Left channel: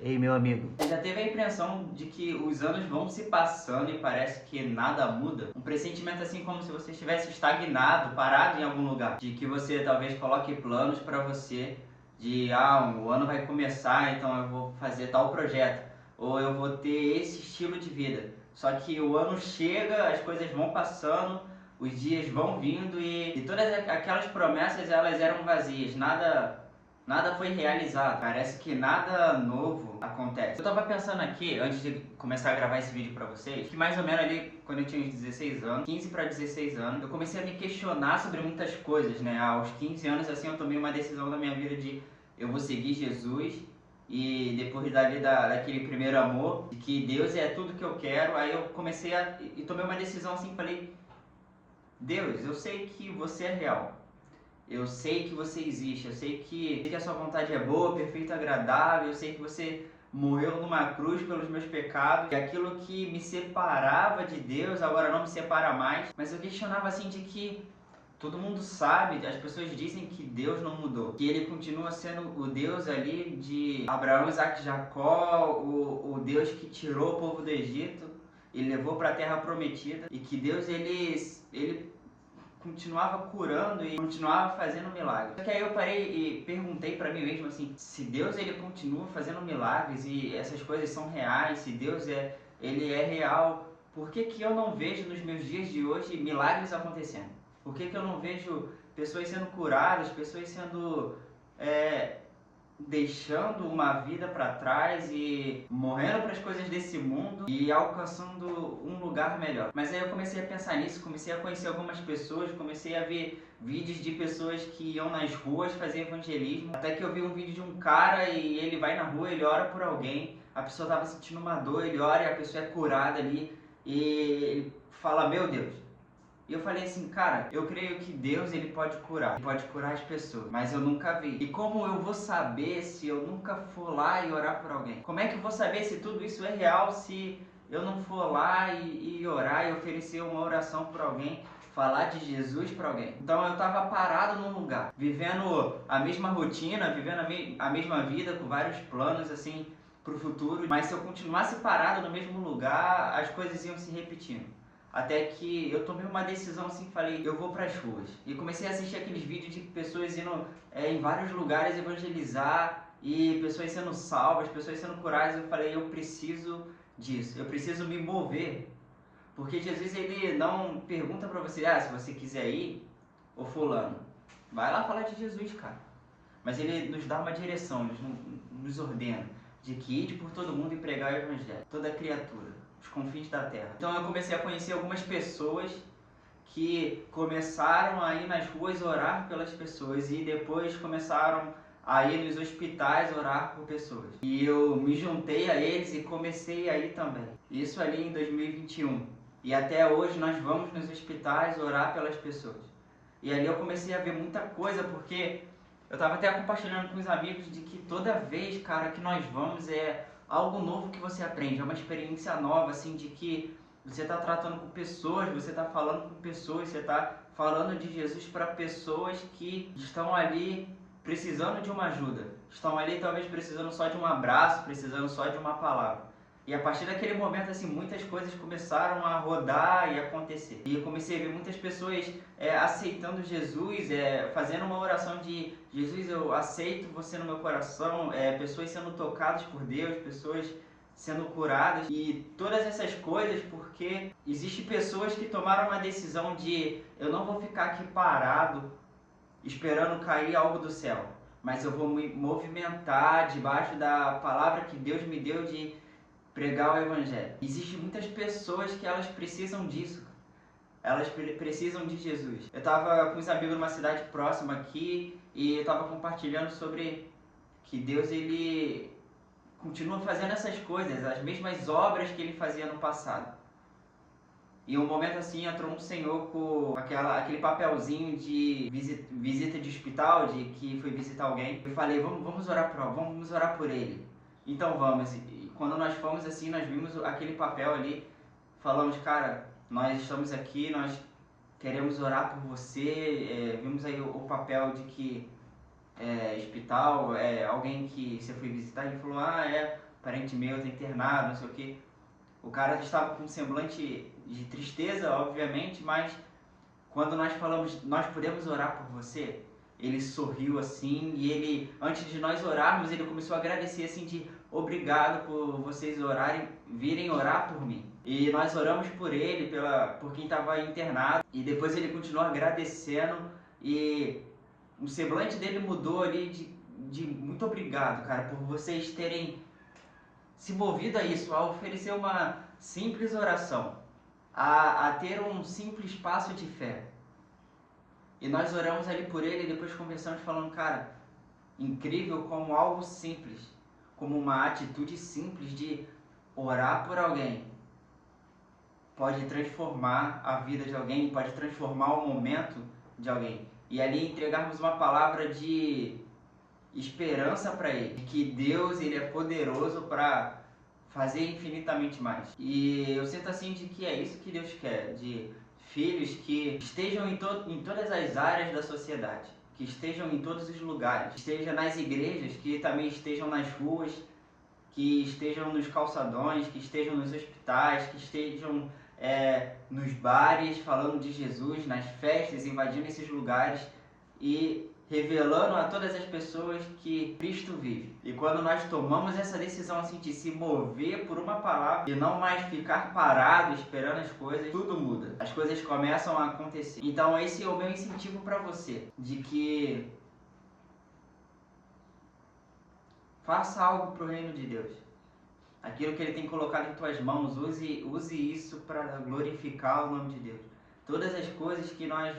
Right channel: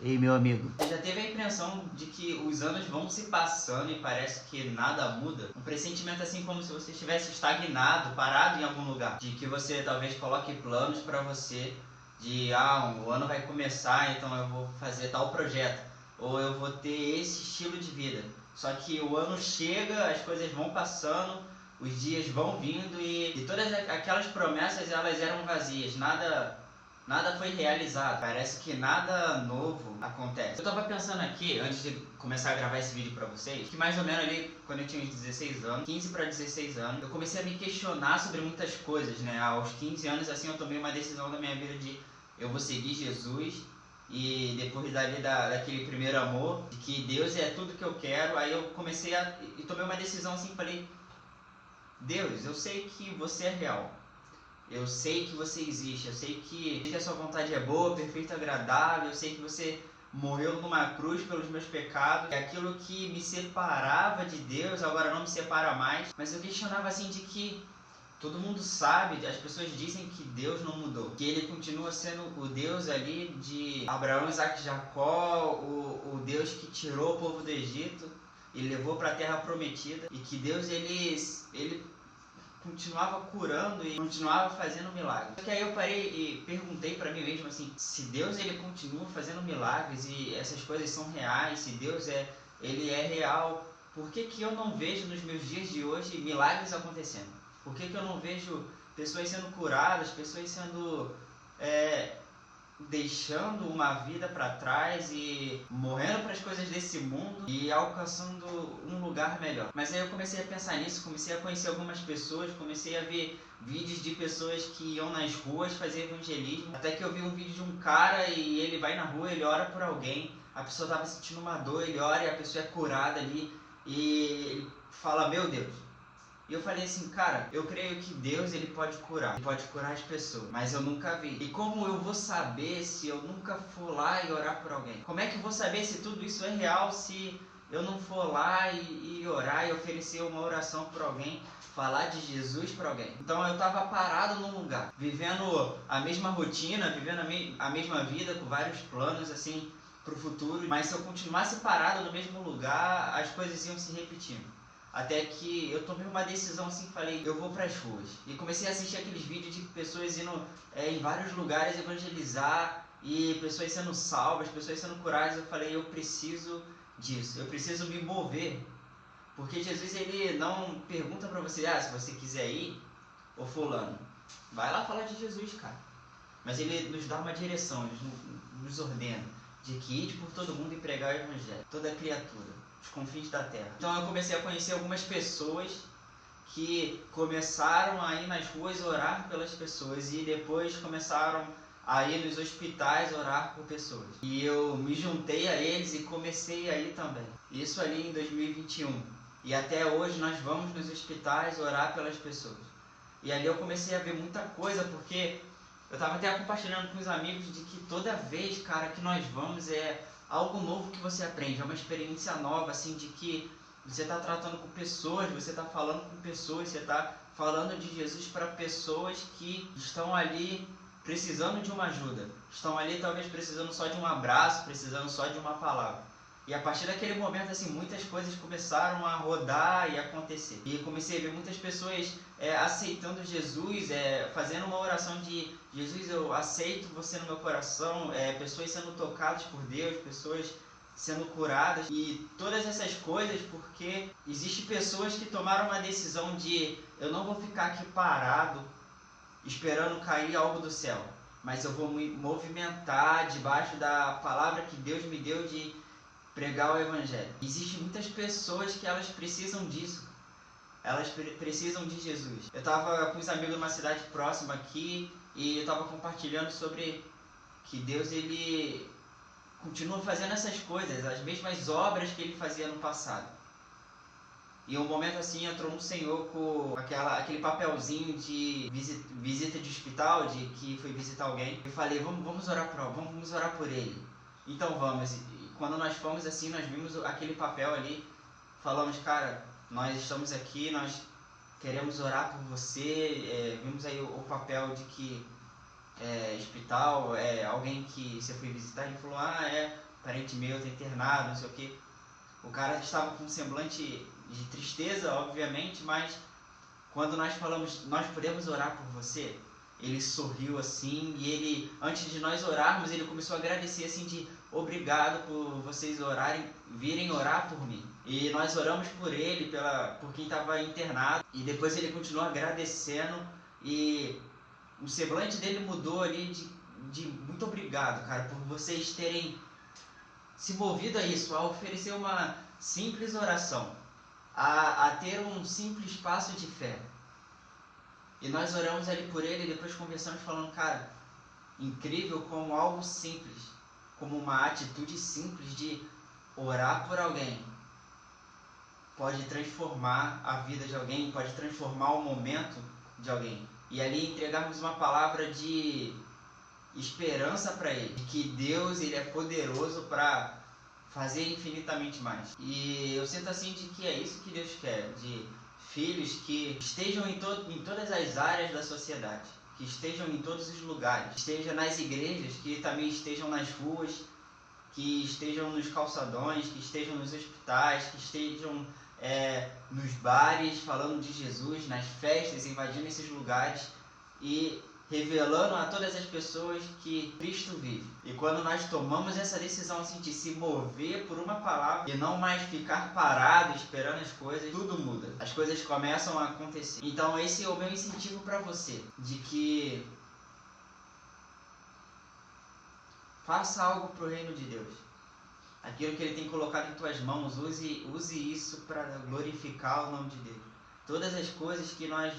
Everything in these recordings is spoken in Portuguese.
Ei, meu amigo. Você já teve a impressão de que os anos vão se passando e parece que nada muda? Um pressentimento assim como se você estivesse estagnado, parado em algum lugar. De que você talvez coloque planos para você de, o ano vai começar, então eu vou fazer tal projeto. Ou eu vou ter esse estilo de vida. Só que o ano chega, as coisas vão passando, os dias vão vindo e todas aquelas promessas elas eram vazias, nada foi realizado, parece que nada novo acontece. Eu tava pensando aqui, antes de começar a gravar esse vídeo pra vocês, que mais ou menos ali, quando eu tinha uns 16 anos, 15 para 16 anos, eu comecei a me questionar sobre muitas coisas, né? Aos 15 anos, assim, eu tomei uma decisão na minha vida de eu vou seguir Jesus, e depois dali daquele primeiro amor, de que Deus é tudo que eu quero, aí eu comecei e tomei uma decisão assim, falei, Deus, eu sei que você é real. Eu sei que você existe, eu sei que a sua vontade é boa, perfeita, agradável, eu sei que você morreu numa cruz pelos meus pecados, e aquilo que me separava de Deus agora não me separa mais, mas eu questionava assim de que todo mundo sabe, as pessoas dizem que Deus não mudou, que ele continua sendo o Deus ali de Abraão, Isaac e Jacó, o Deus que tirou o povo do Egito e levou para a terra prometida, e que Deus ele continuava curando e continuava fazendo milagres. Só que aí eu parei e perguntei para mim mesmo assim, se Deus ele continua fazendo milagres e essas coisas são reais, se Deus ele é real, por que que eu não vejo nos meus dias de hoje milagres acontecendo? Por que que eu não vejo pessoas sendo curadas, pessoas sendo deixando uma vida para trás e morrendo para as coisas desse mundo e alcançando um lugar melhor? Mas aí eu comecei a pensar nisso, comecei a conhecer algumas pessoas, comecei a ver vídeos de pessoas que iam nas ruas fazer evangelismo, até que eu vi um vídeo de um cara e ele vai na rua, ele ora por alguém, a pessoa estava sentindo uma dor, ele ora e a pessoa é curada ali e ele fala, meu Deus. E eu falei assim, cara, eu creio que Deus ele pode curar as pessoas, mas eu nunca vi. E como eu vou saber se eu nunca for lá e orar por alguém? Como é que eu vou saber se tudo isso é real se eu não for lá e orar e oferecer uma oração por alguém? Falar de Jesus para alguém. Então eu estava parado num lugar, vivendo a mesma rotina, vivendo a mesma vida, com vários planos assim para o futuro, mas se eu continuasse parado no mesmo lugar, as coisas iam se repetindo. Até que eu tomei uma decisão assim, falei, eu vou para as ruas. E comecei a assistir aqueles vídeos de pessoas indo em vários lugares evangelizar e pessoas sendo salvas, pessoas sendo curadas. Eu falei, eu preciso disso, eu preciso me mover. Porque Jesus ele não pergunta para você, se você quiser ir, ou fulano, vai lá falar de Jesus, cara. Mas ele nos dá uma direção, ele nos ordena de que ide por todo mundo e pregar o evangelho, toda criatura, os confins da terra. Então eu comecei a conhecer algumas pessoas que começaram a ir nas ruas orar pelas pessoas e depois começaram a ir nos hospitais orar por pessoas. E eu me juntei a eles e comecei a ir também. Isso ali em 2021. E até hoje nós vamos nos hospitais orar pelas pessoas. E ali eu comecei a ver muita coisa, porque eu estava até compartilhando com os amigos de que toda vez, cara, que nós vamos é algo novo que você aprende, é uma experiência nova, assim, de que você está tratando com pessoas, você está falando com pessoas, você está falando de Jesus para pessoas que estão ali precisando de uma ajuda, estão ali talvez precisando só de um abraço, precisando só de uma palavra. E a partir daquele momento, assim, muitas coisas começaram a rodar e acontecer. E eu comecei a ver muitas pessoas aceitando Jesus, fazendo uma oração de Jesus, eu aceito você no meu coração, pessoas sendo tocadas por Deus, pessoas sendo curadas e todas essas coisas porque existem pessoas que tomaram uma decisão de eu não vou ficar aqui parado esperando cair algo do céu, mas eu vou me movimentar debaixo da palavra que Deus me deu de pregar o evangelho. Existem muitas pessoas que elas precisam disso. Elas precisam de Jesus. Eu estava com os amigos numa cidade próxima aqui e eu estava compartilhando sobre que Deus ele continua fazendo essas coisas, as mesmas obras que ele fazia no passado. E um momento assim entrou um senhor com aquele papelzinho de visita de hospital, de que foi visitar alguém. Eu falei, vamos orar por ele. Então vamos. E quando nós fomos assim, nós vimos aquele papel ali, falamos, cara, nós estamos aqui, nós queremos orar por você. Vimos aí o papel de que hospital, alguém que você foi visitar, ele falou, parente meu tá internado, não sei o que. O cara estava com um semblante de tristeza, obviamente, mas quando nós falamos, nós podemos orar por você, ele sorriu assim e ele, antes de nós orarmos, ele começou a agradecer assim de obrigado por vocês orarem, virem orar por mim. E nós oramos por ele, por quem estava internado, e depois ele continuou agradecendo e o semblante dele mudou ali de muito obrigado, cara, por vocês terem se movido a isso, a oferecer uma simples oração, a ter um simples passo de fé. E nós oramos ali por ele e depois conversamos falando, cara, incrível como algo simples, como uma atitude simples de orar por alguém, pode transformar a vida de alguém, pode transformar o momento de alguém. E ali entregarmos uma palavra de esperança para ele, que Deus ele é poderoso para fazer infinitamente mais. E eu sinto assim de que é isso que Deus quer, de filhos que estejam em todas as áreas da sociedade, que estejam em todos os lugares, que estejam nas igrejas, que também estejam nas ruas, que estejam nos calçadões, que estejam nos hospitais, que estejam nos bares falando de Jesus, nas festas, invadindo esses lugares e revelando a todas as pessoas que Cristo vive. E quando nós tomamos essa decisão assim de se mover por uma palavra e não mais ficar parado esperando as coisas, tudo muda. As coisas começam a acontecer. Então esse é o meu incentivo para você, de que faça algo para o reino de Deus. Aquilo que Ele tem colocado em tuas mãos, use isso para glorificar o nome de Deus. Todas as coisas que nós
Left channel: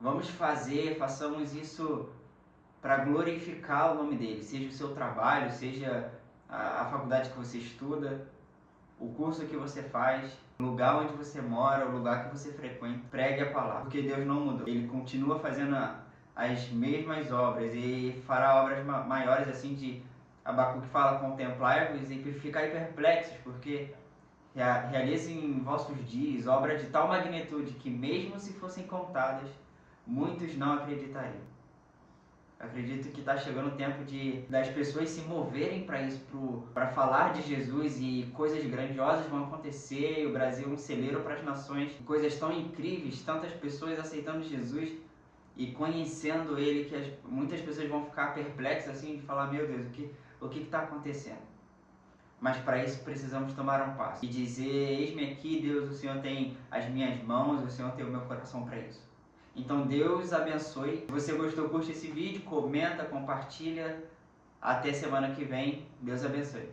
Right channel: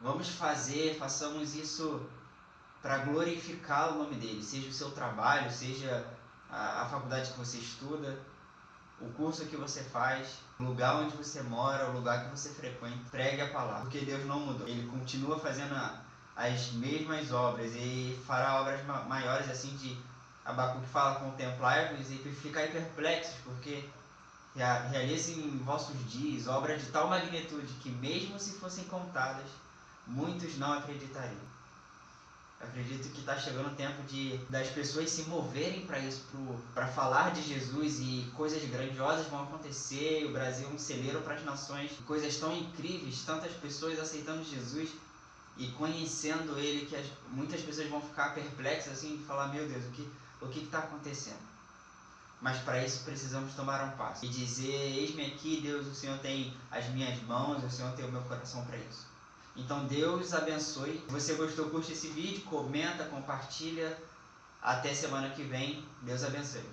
vamos fazer, façamos isso para glorificar o nome dele. Seja o seu trabalho, seja a faculdade que você estuda, o curso que você faz, o lugar onde você mora, o lugar que você frequenta. Pregue a palavra, porque Deus não mudou. Ele continua fazendo as mesmas obras e fará obras maiores assim de Abacuque fala, contemplai-vos e ficai perplexos, porque realizem em vossos dias obras de tal magnitude que mesmo se fossem contadas, muitos não acreditariam. Eu acredito que está chegando o tempo das pessoas se moverem para isso, para falar de Jesus, e coisas grandiosas vão acontecer. O Brasil é um celeiro para as nações, coisas tão incríveis, tantas pessoas aceitando Jesus e conhecendo Ele, que muitas pessoas vão ficar perplexas assim, de falar, meu Deus, o que está acontecendo? Mas para isso precisamos tomar um passo e dizer, eis-me aqui, Deus, o Senhor tem as minhas mãos, o Senhor tem o meu coração para isso. Então Deus abençoe. Se você gostou, curte esse vídeo, comenta, compartilha. Até semana que vem. Deus abençoe.